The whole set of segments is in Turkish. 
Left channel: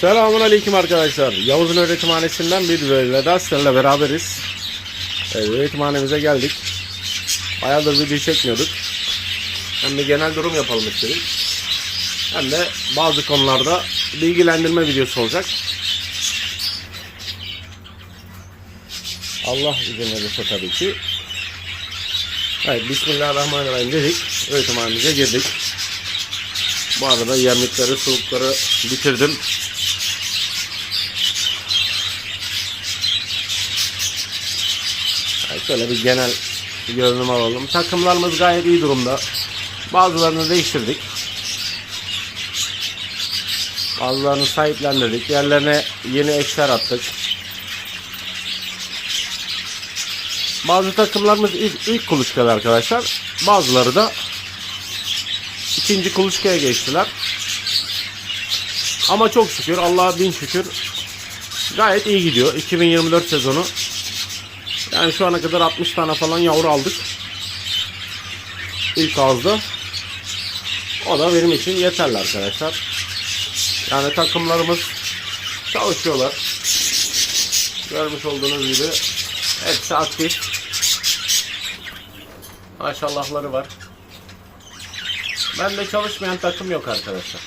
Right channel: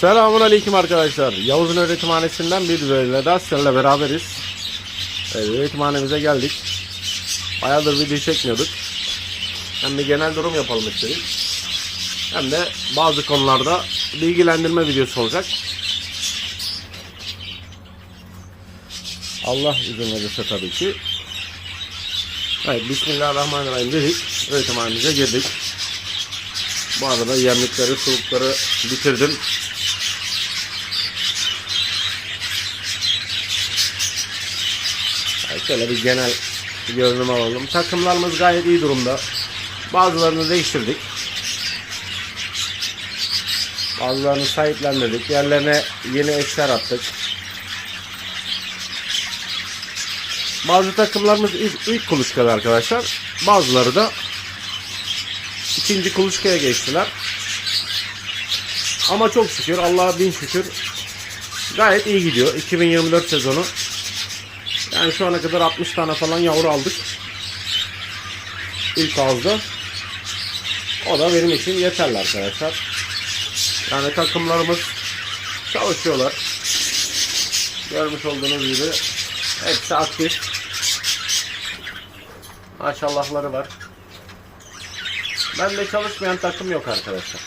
Selamun Aleyküm arkadaşlar. Yavuz'un öğretimhanesinden bir bölümle daha sizlerle beraberiz. Evet, öğretimhanemize geldik. Bayağıdır video çekmiyorduk. Hem bir genel durum yapalım istedik. Hem de bazı konularda bilgilendirme videosu olacak. Allah izin verirse tabii ki. Evet, Bismillahirrahmanirrahim dedik. Öğretimhanemize girdik. Bu arada yemlikleri, sulukları bitirdim. Şöyle bir genel görünüm alalım. Takımlarımız gayet iyi durumda. Bazılarını değiştirdik. Bazılarını sahiplendirdik. Yerlerine yeni eşler attık. Bazı takımlarımız ilk, ilk arkadaşlar. Bazıları da ikinci kuluçkaya geçtiler. Ama çok şükür Allah'a bin şükür gayet iyi gidiyor. 2024 sezonu. Yani şu ana kadar 60 tane falan yavru aldık. İlk ağızda. O da benim için yeterli arkadaşlar. Yani takımlarımız çalışıyorlar. Görmüş olduğunuz gibi hepsi aktif. Maşallahları var. Bende çalışmayan takım yok arkadaşlar.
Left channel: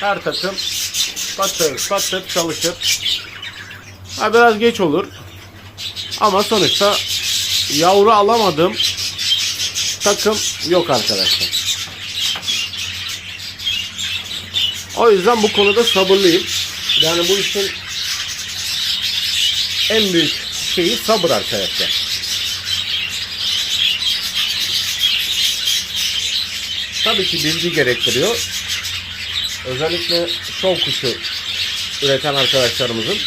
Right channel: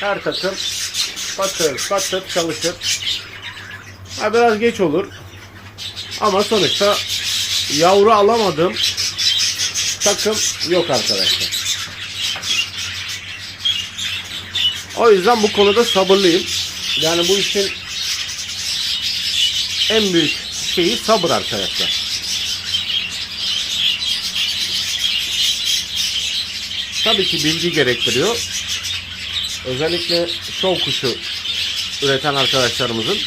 Her takım patır patır çalışır. Ha biraz geç olur. Ama sonuçta yavru alamadığım takım yok arkadaşlar. O yüzden bu konuda sabırlıyım. Yani bu işin en büyük şeyi sabır arkadaşlar. Tabii ki bilgi gerektiriyor. Özellikle şov kuşu üreten arkadaşlarımızın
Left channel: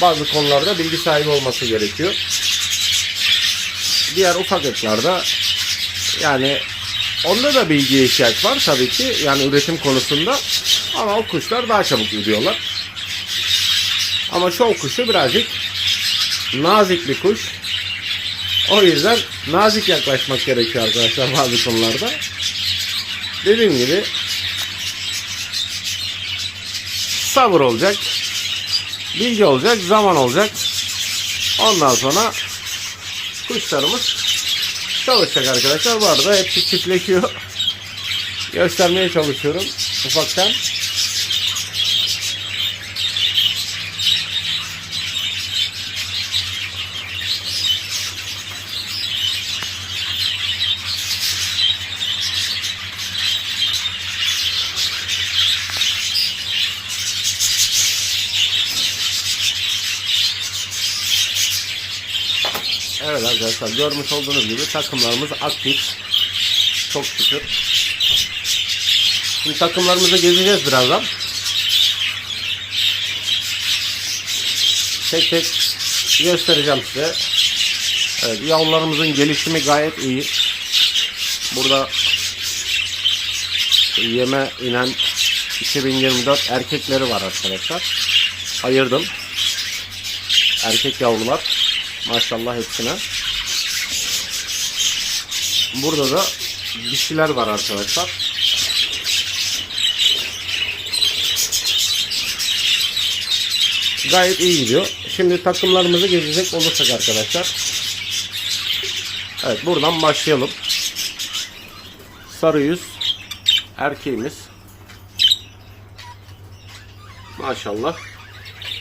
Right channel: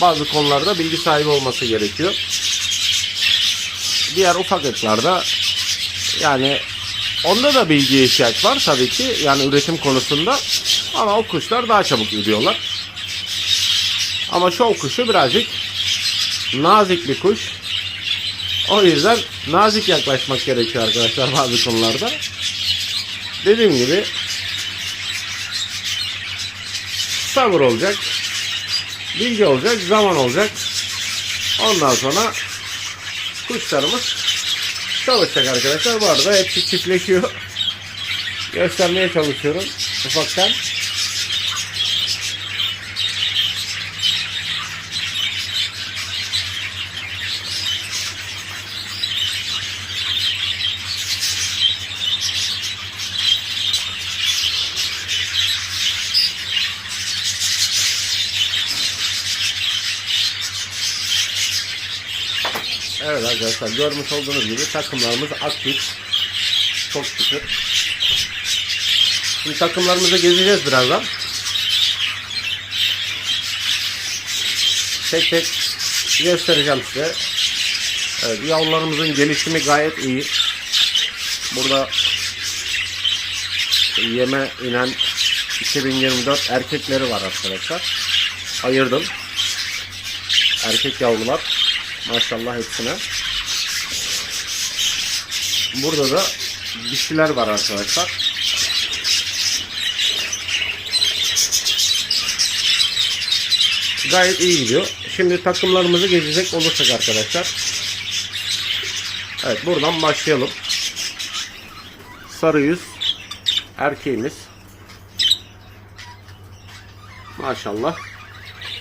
bazı konularda bilgi sahibi olması gerekiyor. Diğer ufak ırklarda yani onda da bilgiye ihtiyaç var tabii ki yani üretim konusunda ama o kuşlar daha çabuk ürüyorlar. Ama şov kuşu birazcık nazik bir kuş. O yüzden nazik yaklaşmak gerekiyor arkadaşlar bazı konularda. Dediğim gibi sabır olacak, bilgi olacak, zaman olacak. Ondan sonra kuşlarımız çalışacak arkadaşlar. Bu arada hepsi çiftleşiyor. Göstermeye çalışıyorum ufaktan. Evet arkadaşlar görmüş olduğunuz gibi takımlarımız aktif. Çok şükür. Şimdi takımlarımızı gezeceğiz birazdan. Tek tek göstereceğim size. Evet yavrularımızın gelişimi gayet iyi. Burada yeme inen 2024 erkekleri var arkadaşlar. Ayırdım. Erkek yavrular. Maşallah hepsine. Burada da dişiler var arkadaşlar. Gayet iyi gidiyor. Şimdi takımlarımızı gezecek olursak arkadaşlar. Evet buradan başlayalım. Sarı yüz erkeğimiz. Maşallah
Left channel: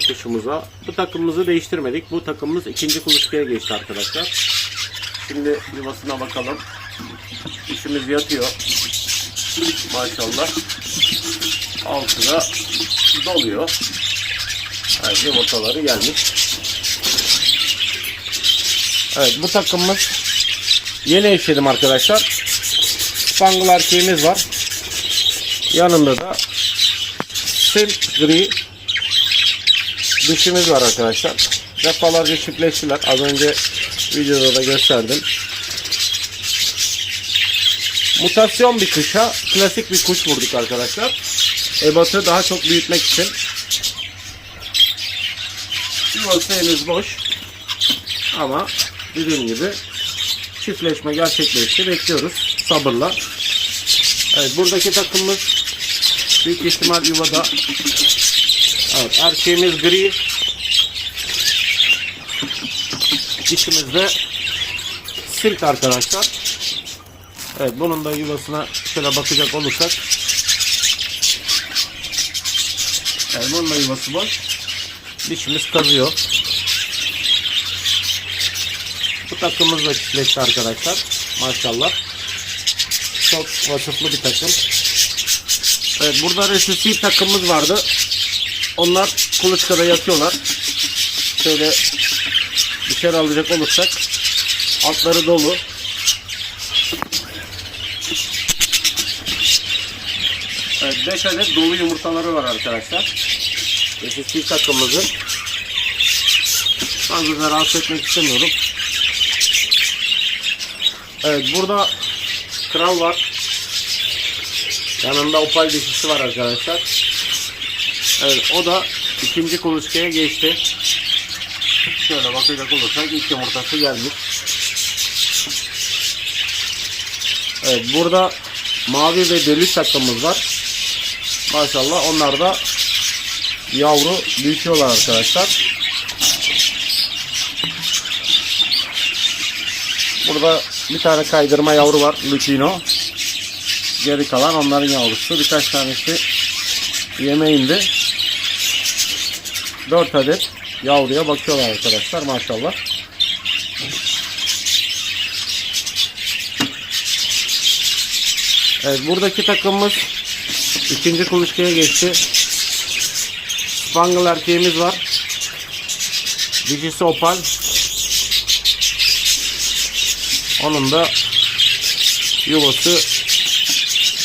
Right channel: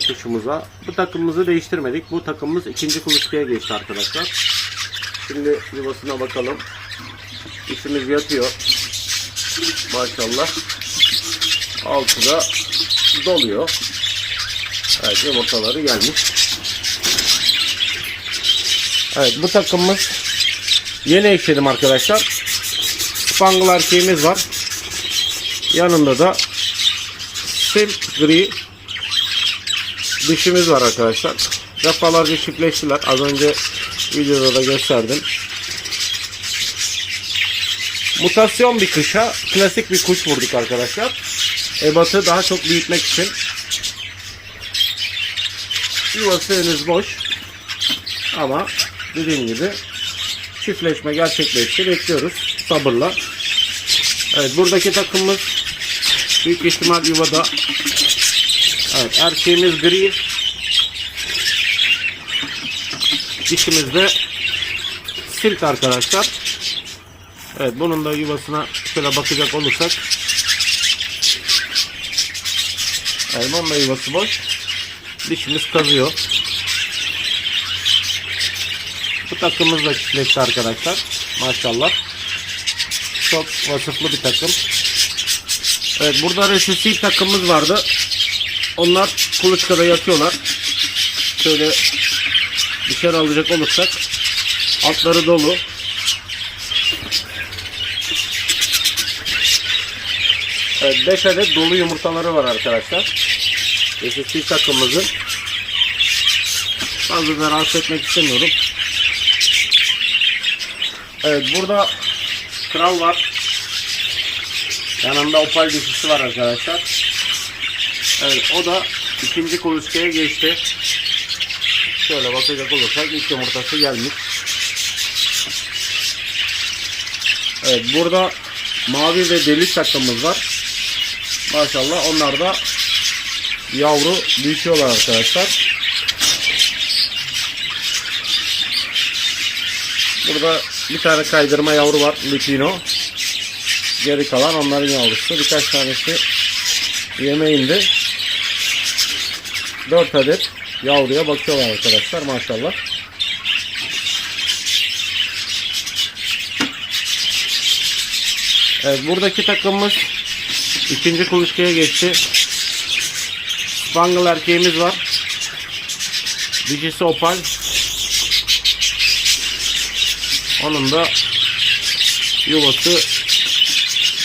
kuşumuza. Bu takımımızı değiştirmedik. Bu takımımız ikinci kuluçkaya geçti arkadaşlar. Şimdi yuvasına bakalım. İşimiz yatıyor. Maşallah. Altı da doluyor. Evet yumurtaları gelmiş. Evet bu takımımız yeni ekledim arkadaşlar. Spangle erkeğimiz var. Yanında da sim gri dişimiz var arkadaşlar. Defalarca çiftleştiler. Az önce videoda da gösterdim. Mutasyon bir kuşa klasik bir kuş vurduk arkadaşlar. Ebatı daha çok büyütmek için. Yuvası henüz boş. Ama dediğim gibi çiftleşme gerçekleşti. Bekliyoruz sabırla. Evet buradaki takımımız büyük ihtimal yuvada Evet erkeğimiz gri. Dişimiz de silk arkadaşlar. Evet bunun da yuvasına şöyle bakacak olursak. Evet bunun da yuvası boş. Dişimiz kazıyor. Bu takımımız da çiftleşti arkadaşlar. Maşallah. Çok vasıflı bir takım. Evet burada resisi takımımız vardı. Onlar kuluçkada yatıyorlar. Şöyle dışarı alacak olursak altları dolu. 5 adet dolu yumurtaları var arkadaşlar. Resisi takımımızın. Fazla da rahatsız etmek istemiyorum. Evet burada kral var. Yanında opal dişisi var arkadaşlar. Evet o da ikinci kuluçkaya geçti. Şöyle bakacak olursak ilk yumurtası gelmiş. Evet burada mavi ve deli takımımız var. Maşallah onlar da yavru büyütüyorlar arkadaşlar. Burada bir tane kaydırma yavru var. Lutino. Geri kalan onların yavrusu. Birkaç tanesi yemeğinde. 4 adet yavruya bakıyorlar arkadaşlar maşallah. Evet buradaki takımımız ikinci kuluçkaya geçti. Spangle erkeğimiz var. Dişisi opal. Onun da yuvası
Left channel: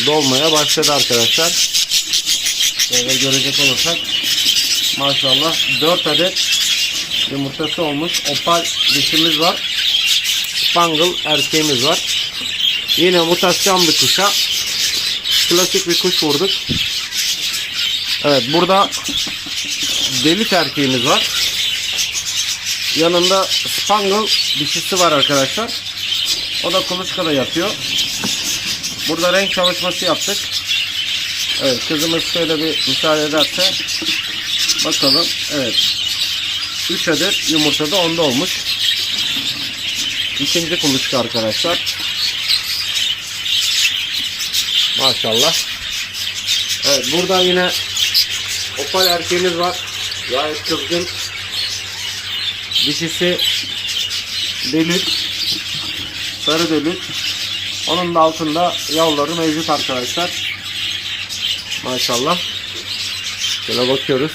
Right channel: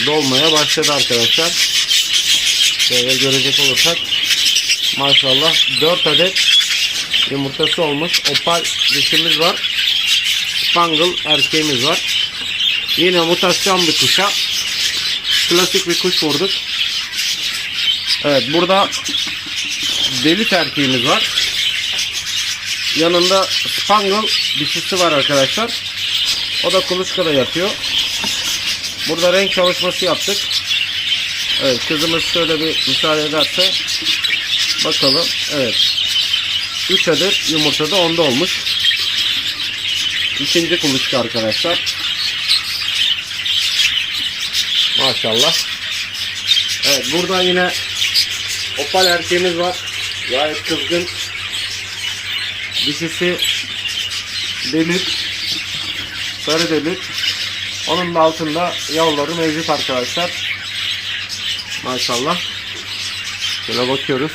dolmaya başladı arkadaşlar. Şöyle görecek olursak maşallah 4 adet yumurtası olmuş. Opal dişimiz var. Spangle erkeğimiz var. Yine mutasyon bir kuşa. Klasik bir kuş vurduk. Evet burada delit erkeğimiz var. Yanında Spangle dişisi var arkadaşlar. O da kuluçkada yapıyor. Burada renk çalışması yaptık. Evet kızımız şöyle bir müsaade ederse bakalım. Evet. 3 adet yumurta da onda olmuş. İkinci kuluçka arkadaşlar. Maşallah. Evet burada yine opal erkeğimiz var. Gayet kızgın. Dişisi demir. Sarı demir. Onun da altında yavruları mevcut arkadaşlar. Maşallah. Şöyle bakıyoruz.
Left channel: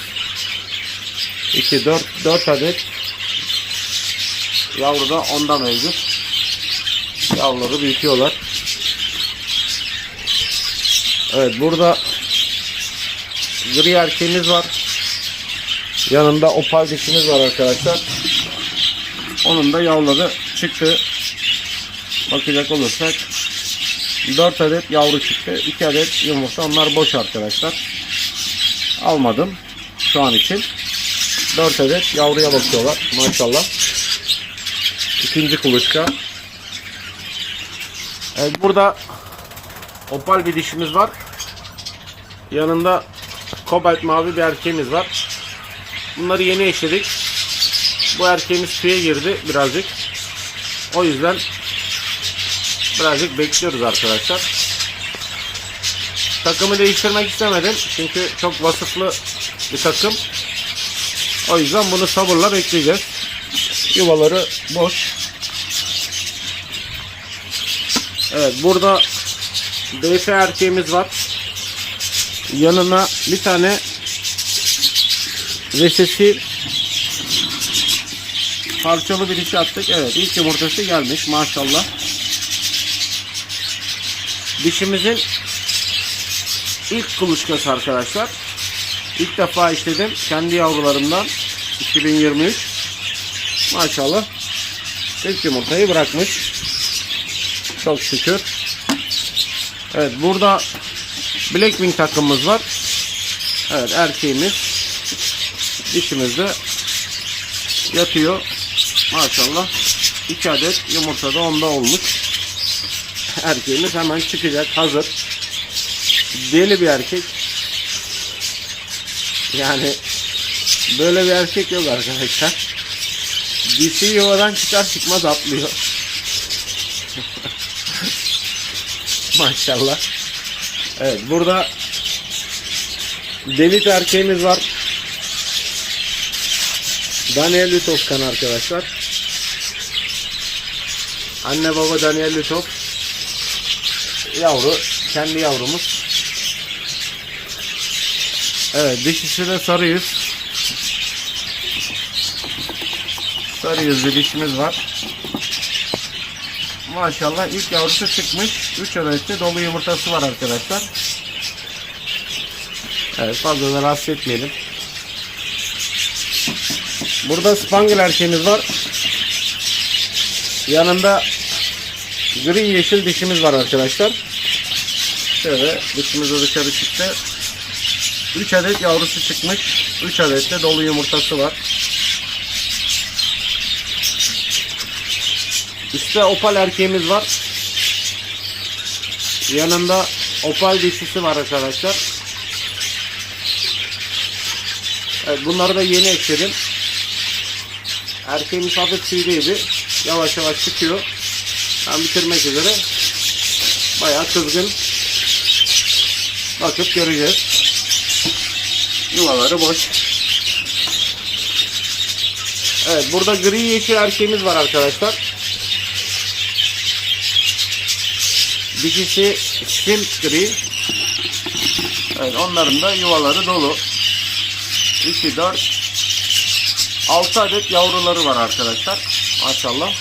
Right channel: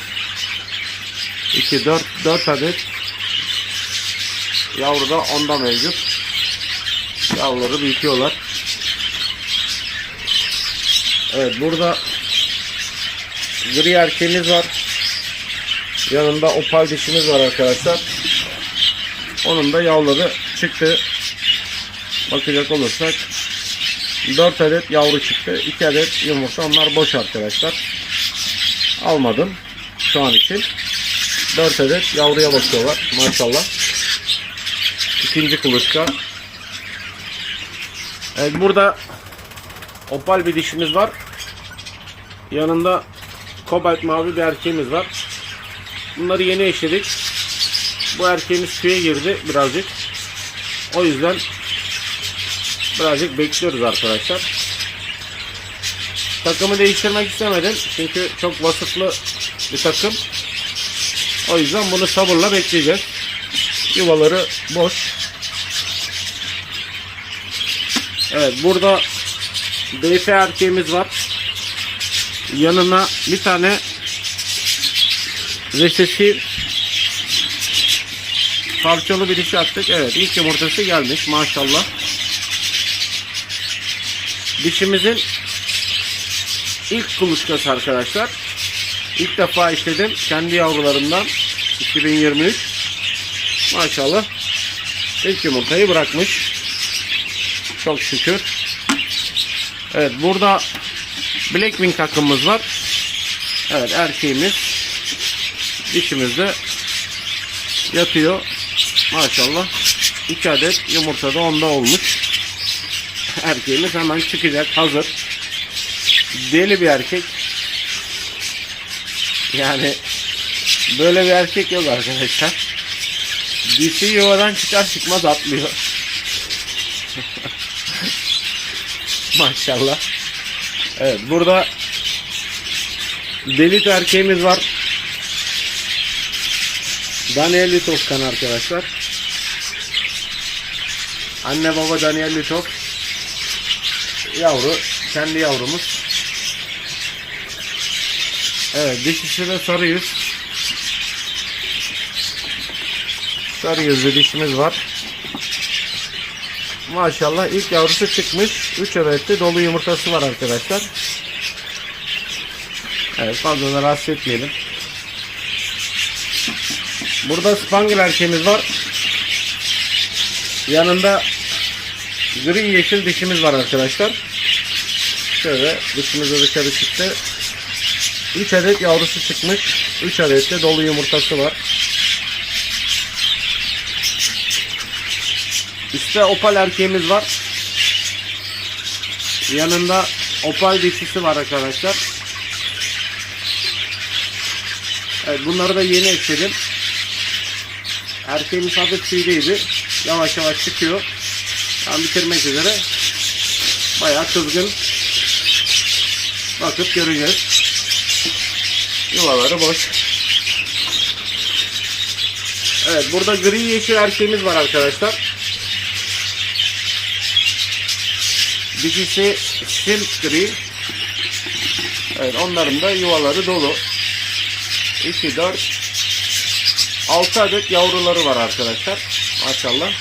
2 4 4 adet yavru da onda mevcut. Yavruları büyütüyorlar. Evet burada gri erkeğimiz var. Yanında opal dişimiz var arkadaşlar. Onun da yavruları çıktı. Bakacak olursak 4 adet yavru çıktı. 2 adet yumurta. Onlar boş arkadaşlar. Almadım şu an için. 4 adet yavruya bakıyorlar. Maşallah. İkinci kuluçka. Evet burada opal bir dişimiz var. Yanında kobalt mavi bir erkeğimiz var. Bunları yeni eşledik. Bu erkeğimiz tüye girdi birazcık. O yüzden birazcık bekliyoruz arkadaşlar. Takımı değiştirmek istemedim. Çünkü çok vasıflı bir takım. O yüzden bunu sabırla bekleyeceğiz. Yuvaları boş. Evet burada DF erkeğimiz var. Yanına bir tane resesi parçalı bir dişi attık. Evet ilk yumurtası gelmiş maşallah. Dişimizin ilk kuluçkası arkadaşlar. İlk defa işledim. Kendi yavrularımdan 2023. Maşallah. İlk yumurtayı bırakmış. Çok şükür. Evet burada Blackwing takımımız var. Evet erkeğimiz dişimiz de yatıyor. Maşallah. 2 adet yumurta da onda olmuş. Erkeğimiz hemen çıkacak hazır. Deli bir erkek. Yani Böyle bir erkek yok arkadaşlar. Dişi yuvadan çıkar çıkmaz atlıyor. Maşallah. Evet burada Delit erkeğimiz var. Daniel Litovkan arkadaşlar. Anne baba Daniel Litov. Yavru. Kendi yavrumuz. Evet dişisi de sarı yüz. Sarı dişimiz var. Maşallah ilk yavrusu çıkmış. 3 adette dolu yumurtası var arkadaşlar. Evet fazla da rahatsız etmeyelim. Burada Spangle erkeğimiz var. Yanında gri yeşil dişimiz var arkadaşlar. Şöyle dişimiz de dışarı çıktı. 3 adet yavrusu çıkmış. 3 adet de dolu yumurtası var. Üstte opal erkeğimiz var. Yanında opal dişisi var arkadaşlar. Evet bunları da yeni ekledim. Erkeğimiz hafif tüylüydü. Yavaş yavaş çıkıyor. Tam bitirmek üzere. Bayağı kızgın. Bakıp göreceğiz. Yuvaları boş. Evet burada gri yeşil erkeğimiz var arkadaşlar. Dişisi simp gri. Evet onların da yuvaları dolu. 2, 4, 6 adet yavruları var arkadaşlar. Maşallah.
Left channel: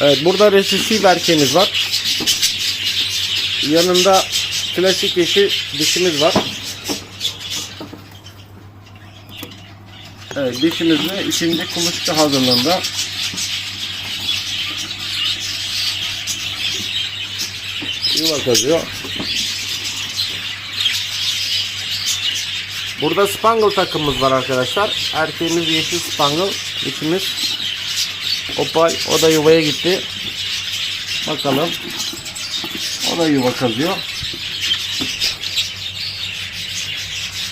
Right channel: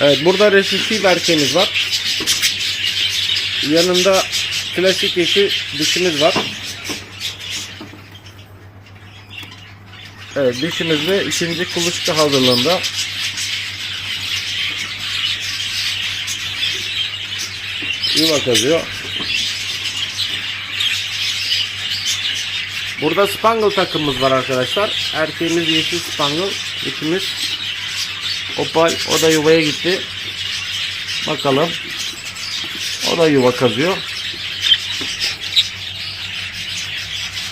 Evet burada resifli erkeğimiz var. Yanında klasik yeşil dişimiz var. Evet dişimiz de ikinci kuluçka hazırlığında. Yuva kazıyor. Burada Spangle takımımız var arkadaşlar. Erkeğimiz yeşil Spangle. Dişimiz Opal. O da yuvaya gitti. Bakalım. O da yuva kazıyor.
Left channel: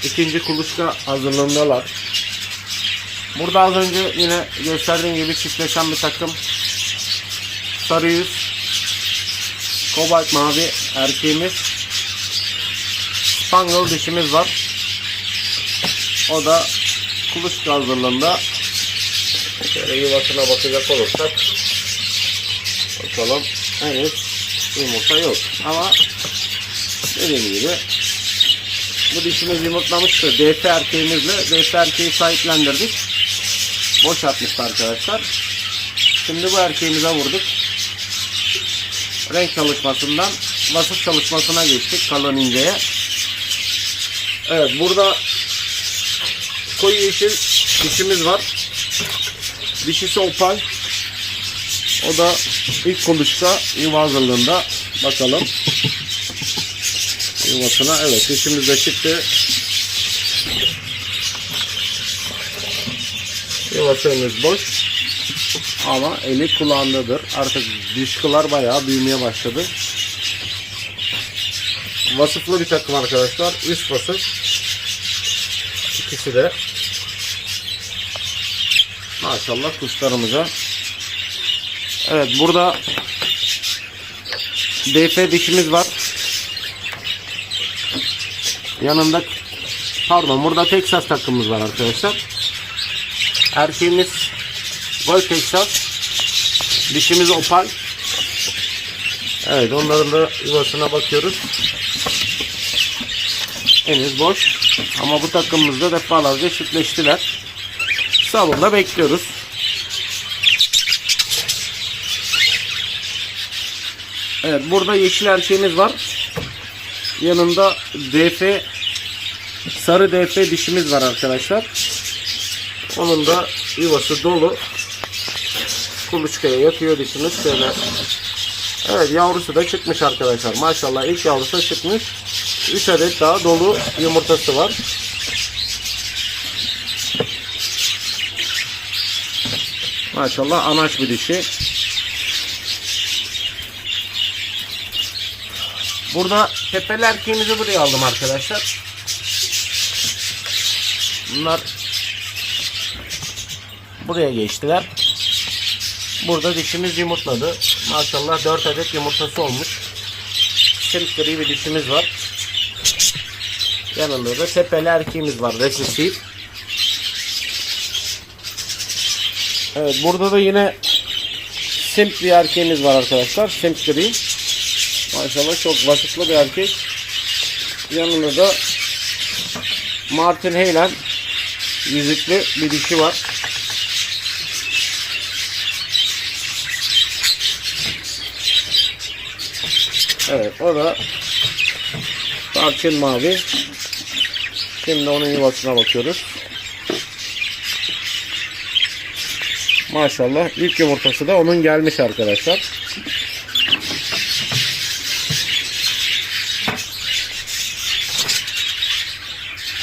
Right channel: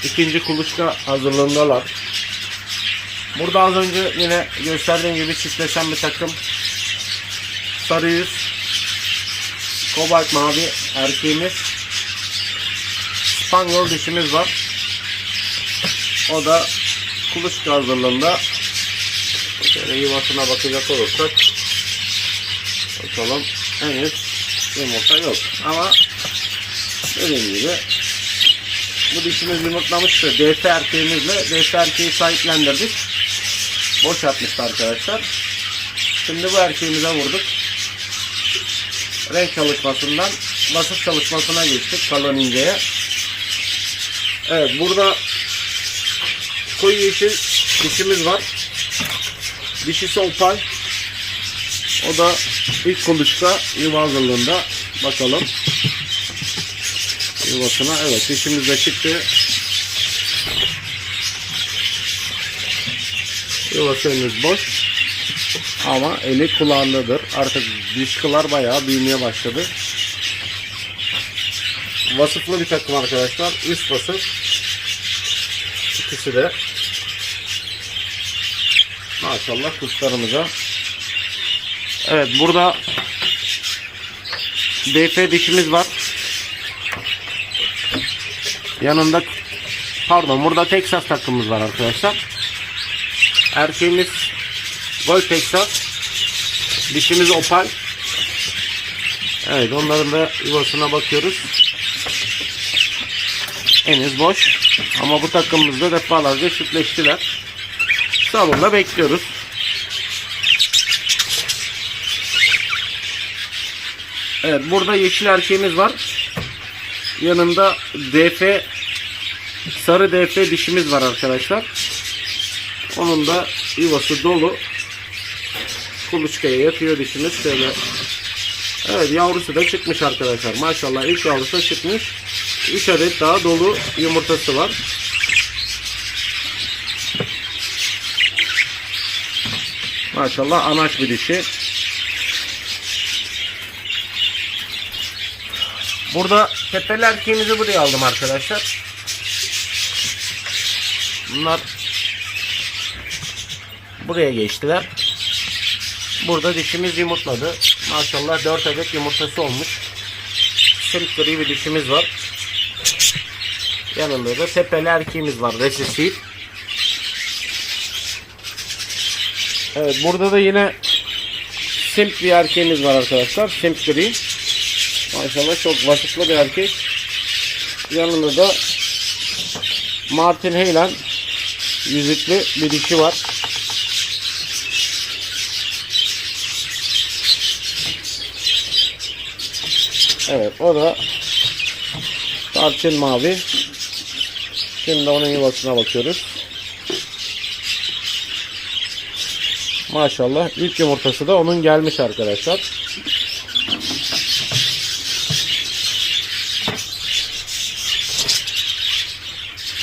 İkinci kuluçka hazırlığındalar. Burada az önce yine gösterdiğim gibi çiftleşen bir takım. Sarı yüz. Kobalt mavi erkeğimiz. Spangle dişimiz var. O da kuluçka hazırlığında. Şöyle yuvasına bakacak olursak. Bakalım. Henüz yumurta yok. Ama dediğim gibi bu dişimiz yumurtlamıştı. DF erkeğimizle DF erkeği sahiplendirdik. Boş atmıştı arkadaşlar. Şimdi bu erkeğimize vurduk. Renk çalışmasından vasıf çalışmasına geçtik kalın inceye. Evet burada koyu yeşil dişimiz var. Dişisi opal. O da ilk kuluçka yuva hazırlığında. Bakalım. Yuvasına. Evet dişimiz de çıktı. Yuvasımız boş. Ama eli kulağındadır. Artık dişkılar bayağı büyümeye başladı. Vasıflı bir takım arkadaşlar. Üst vasıf. İkisi de Maşallah kuşlarımıza. Evet burada DF dişimiz var. Yanında pardon burada Texas takımımız var arkadaşlar. Erkeğimiz Gold Texas. Dişimiz Opal. Evet onların da yuvasına bakıyoruz. Henüz boş. Ama bu takımımızda defalarca çiftleştiler. Salonda bekliyoruz. Evet burada yeşil erkeğimiz var. Yanında DF sarı DF dişimiz var arkadaşlar. Onun da yuvası dolu. Kuluçkaya yatıyor dişimiz şöyle. Evet yavrusu da çıkmış arkadaşlar. Maşallah ilk yavrusu da çıkmış. 3 adet daha dolu yumurtası var. Maşallah anaç bir dişi. Burada tepeli erkeğimizi buraya aldım arkadaşlar. Bunlar buraya geçtiler. Burada dişimiz yumurtladı. Maşallah 4 adet yumurtası olmuş. Simsiri bir dişimiz var. Yanında da tepeli erkeğimiz var. Resesif. Evet burada da yine simp bir erkeğimiz var arkadaşlar. Simp gri. Maşallah çok vasıflı bir erkek. Yanında da Martin Heylen yüzüklü bir dişi var. Evet o da tarçın mavi. Şimdi onun yuvasına bakıyoruz. Maşallah ilk yumurtası da onun gelmiş arkadaşlar.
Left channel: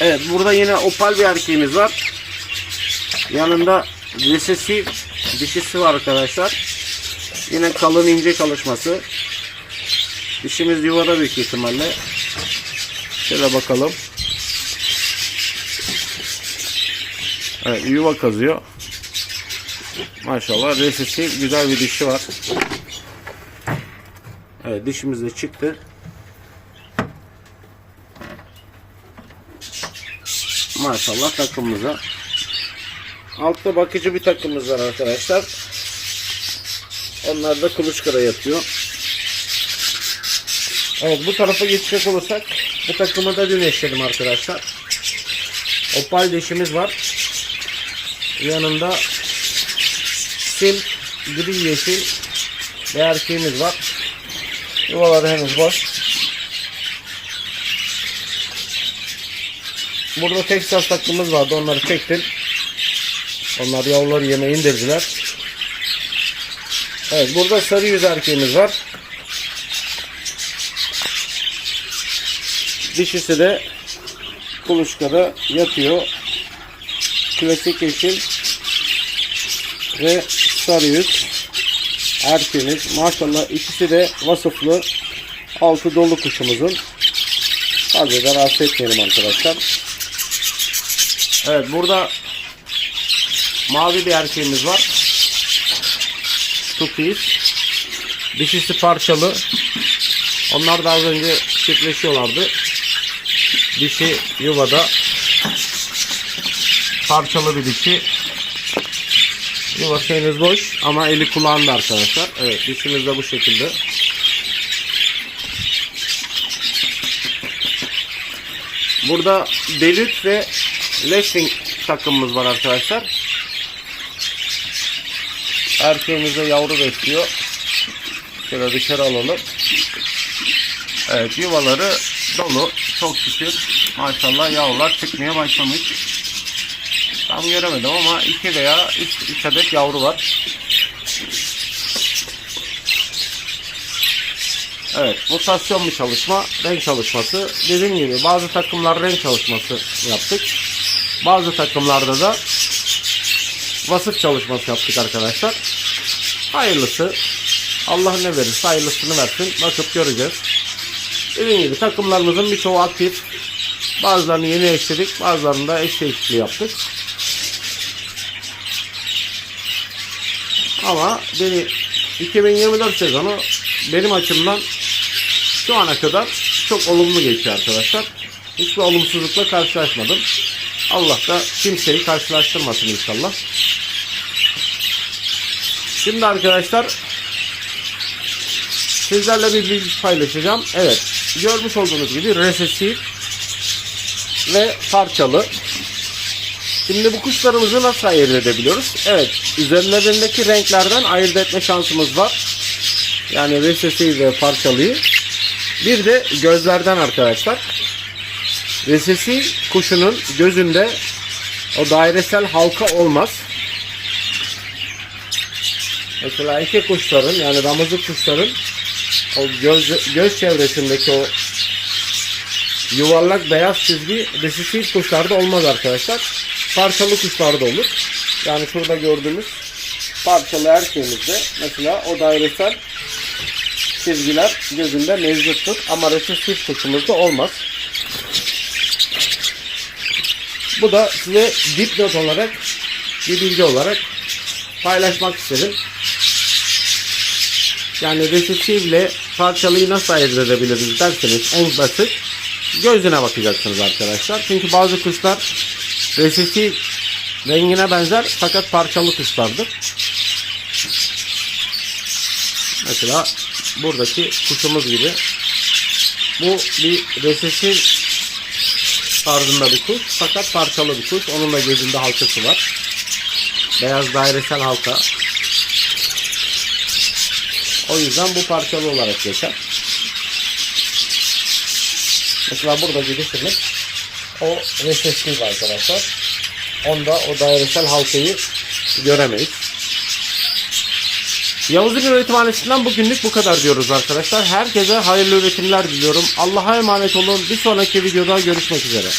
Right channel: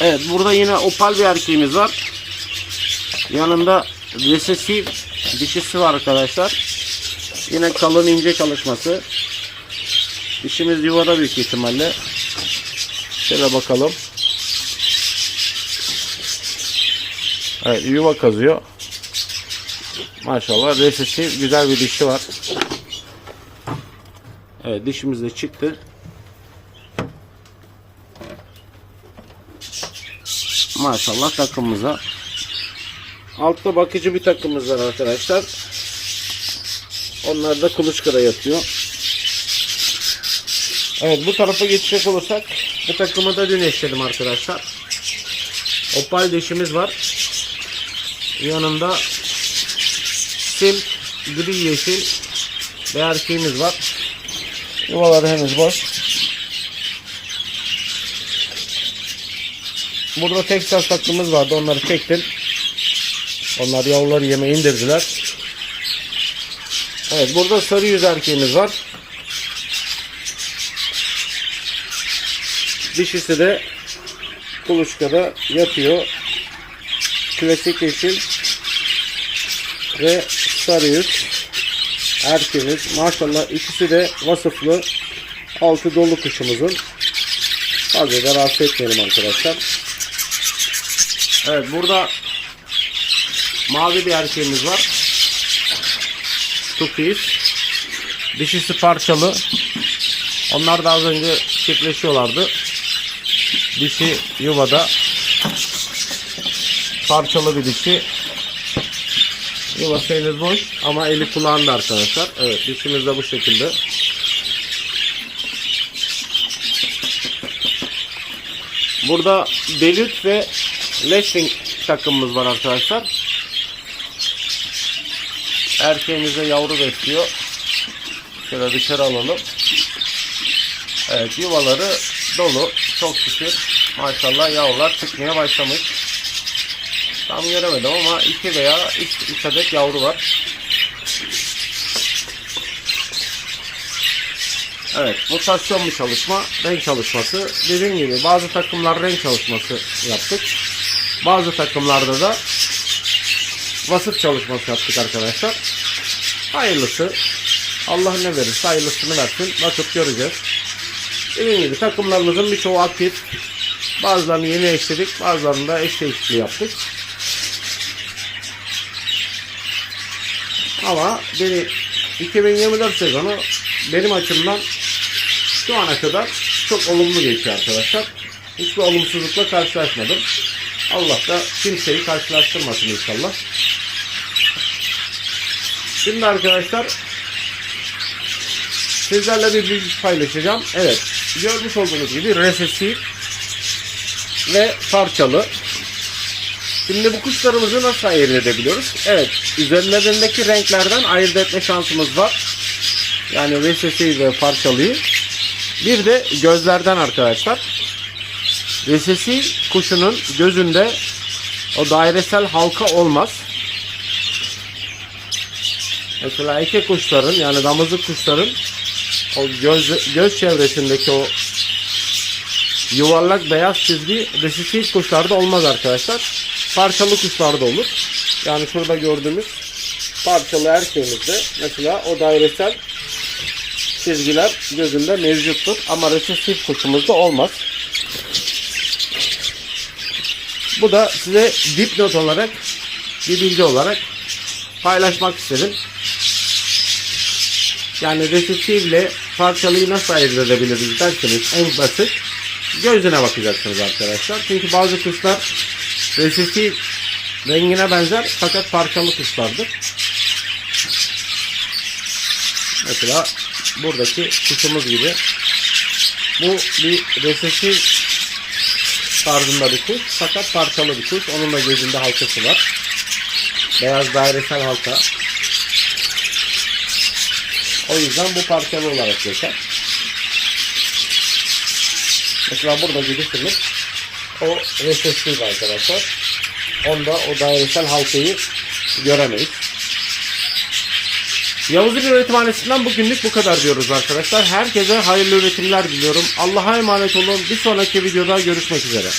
Evet burada yine opal bir erkeğimiz var. Yanında resesif dişisi var arkadaşlar. Yine kalın ince çalışması. Dişimiz yuvada büyük ihtimalle. Şöyle bakalım. Evet yuva kazıyor. Maşallah resesif güzel bir dişi var. Evet dişimiz de çıktı. Maşallah takımımıza. Altta bakıcı bir takımımız var arkadaşlar. Onlar da kuluçkada yatıyor. Evet bu tarafa geçecek olursak bu takımı da dün eşledim arkadaşlar. Opal dişimiz var. Yanında sim gri yeşil bir erkeğimiz var. Yuvaları henüz boş. Burada Texas takımımız vardı. Onları çektim. Onlar yavruları yeme indirdiler. Evet burada sarı yüz erkeğimiz var. Dişisi de kuluçkada yatıyor. Klasik yeşil ve sarı yüz erkeğimiz. Maşallah ikisi de vasıflı. Altı dolu kuşumuzun. Fazla da rahatsız etmeyelim arkadaşlar. Evet burada mavi bir erkeğimiz var. Tukiz. Dişisi parçalı. Onlar da az önce çiftleşiyorlardı. Dişi yuvada. Parçalı bir dişi. Yuva şeyiniz boş ama eli kulağında arkadaşlar. Evet dişimiz de bu şekilde. Burada Delüt ve Lessing takımımız var arkadaşlar. Erkeğimiz de yavru besliyor. Şöyle dışarı alalım. Evet yuvaları dolu. Çok şükür. Maşallah yavrular çıkmaya başlamış. Tam göremedim ama 2 veya 3 adet yavru var. Evet, mutasyon bir çalışma, renk çalışması. Dediğim gibi bazı takımlar renk çalışması yaptık. Bazı takımlarda da vasıf çalışması yaptık arkadaşlar. Hayırlısı. Allah ne verirse hayırlısını versin. Bakıp göreceğiz. Dediğim gibi takımlarımızın birçoğu aktif. Bazılarını yeni eşledik. Bazılarını da eş değişikliği yaptık. Ama beni 2024 sezonu benim açımdan şu ana kadar çok olumlu geçiyor arkadaşlar. Hiçbir olumsuzlukla karşılaşmadım. Allah da kimseyi karşılaştırmasın inşallah. Şimdi arkadaşlar sizlerle bir bilgi paylaşacağım. Evet görmüş olduğunuz gibi resesif ve parçalı. Şimdi bu kuşlarımızı nasıl ayırt edebiliyoruz? Evet üzerlerindeki renklerden ayırt etme şansımız var. Yani resesif ve parçalıyı. Bir de gözlerden arkadaşlar. Resesif kuşunun gözünde o dairesel halka olmaz. Mesela iki kuşların yani damızlık kuşların o göz, göz çevresindeki o yuvarlak beyaz çizgi resesif kuşlarda olmaz arkadaşlar. Parçalı kuşlarda olur. Yani şurada gördüğümüz parçalı erkeğimizde mesela o dairesel çizgiler gözünde mevcuttur. Ama resesif kuşumuzda olmaz. Bu da size dipnot olarak bir bilgi olarak paylaşmak istedim. Yani resifle parçalıyı nasıl ayırt edebiliriz derseniz en basit gözüne bakacaksınız arkadaşlar. Çünkü bazı kuşlar resifli rengine benzer fakat parçalı kuşlardır. Mesela buradaki kuşumuz gibi bu bir resifli tarzında bir kuş fakat parçalı bir kuş. Onun da gözünde halkası var. Beyaz dairesel halka. O yüzden bu parçalı olarak geçer. Mesela burada gidirsiniz. O resestif arkadaşlar. Onda o dairesel halkayı göremeyiz. Yavuz'un üretimhanesinden bugünlük bu kadar diyoruz arkadaşlar. Herkese hayırlı üretimler diliyorum. Allah'a emanet olun. Bir sonraki videoda görüşmek üzere.